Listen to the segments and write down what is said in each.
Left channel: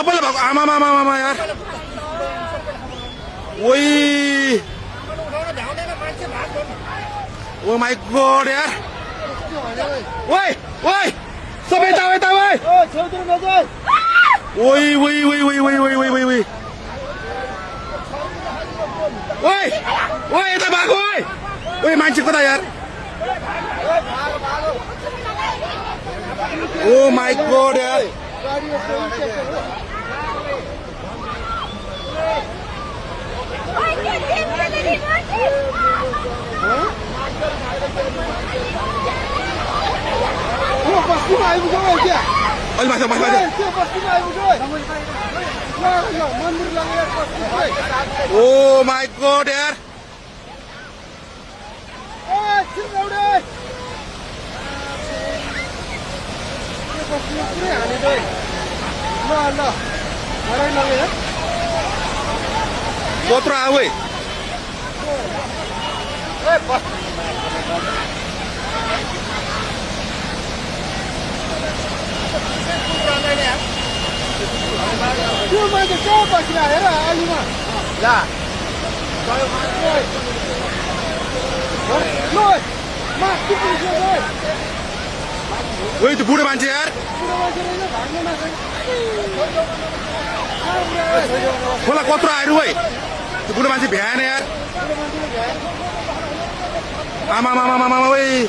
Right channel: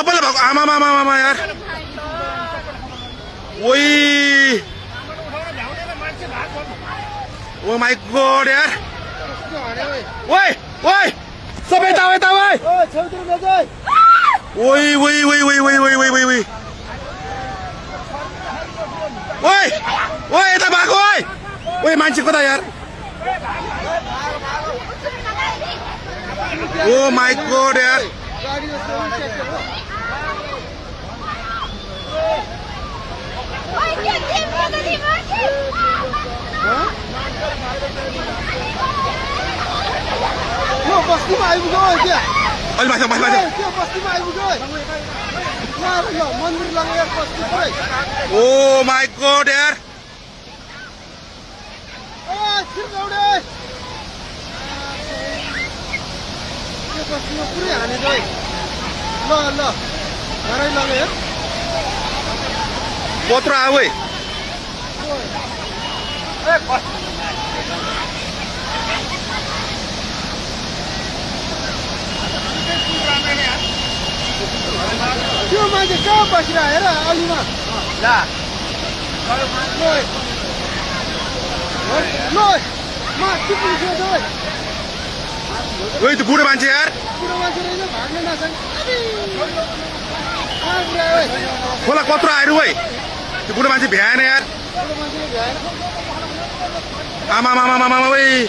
सबैले भएको आमा यार ओइ ओ माई गॉड यार ओइ ओइ सबै यता यता ओइ ओइ ओइ ओइ ओइ ओइ ओइ ओइ ओइ ओइ ओइ ओइ यता भएको ओइ ओइ मान्छे कता यार ओ माई गॉड यार माथि माथि ओ माई गॉड यार कत्रो आऊ त्यो मान्छे कहाँ बसिरहेको हेर अलिमा ओइ त्यो बुढो मान्छे यार खोला कत्रो आएर ओइ त्यो बुढो मान्छे भ्याएन यार आमा मामा मामा ओइ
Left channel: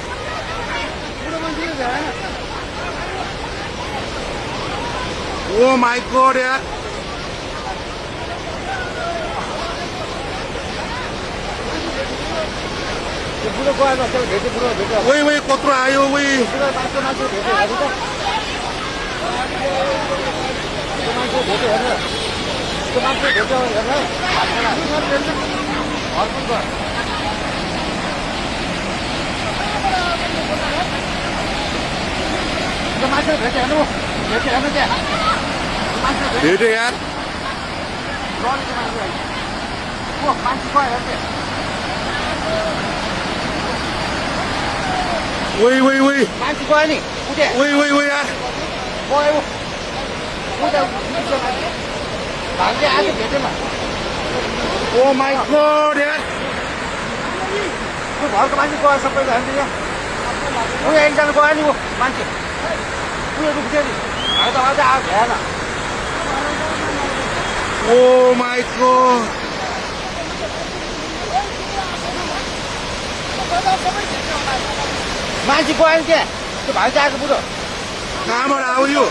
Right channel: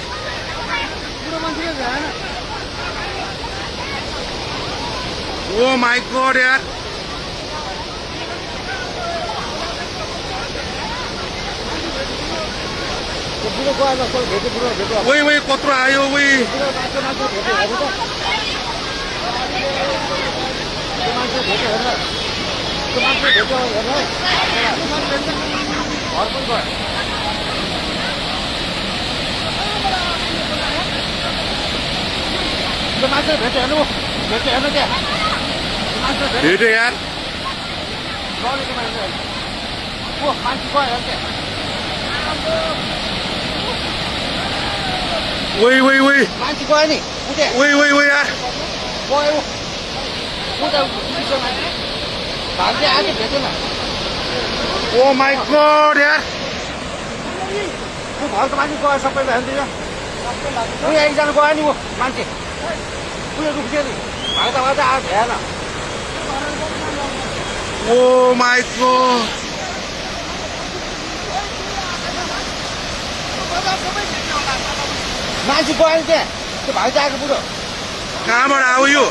ओ माई गॉड यार ओइ ओइ कत्रो आयो ओइ भेट्यो यार ओइ ओइ ओइ ओइ ओइ ओइ यार ओ माई गॉड यार त्यो घरको मान्छे गयो सबैले अन्त यहाँ एकजना गयो नि ऊ मान्छे त्यो दुख्यो नि आज हेर ओ माई गॉड मान्छे गयो नि त्यहाँ त्यो भाइ आएको बुढो कहाँबाट आऊ यो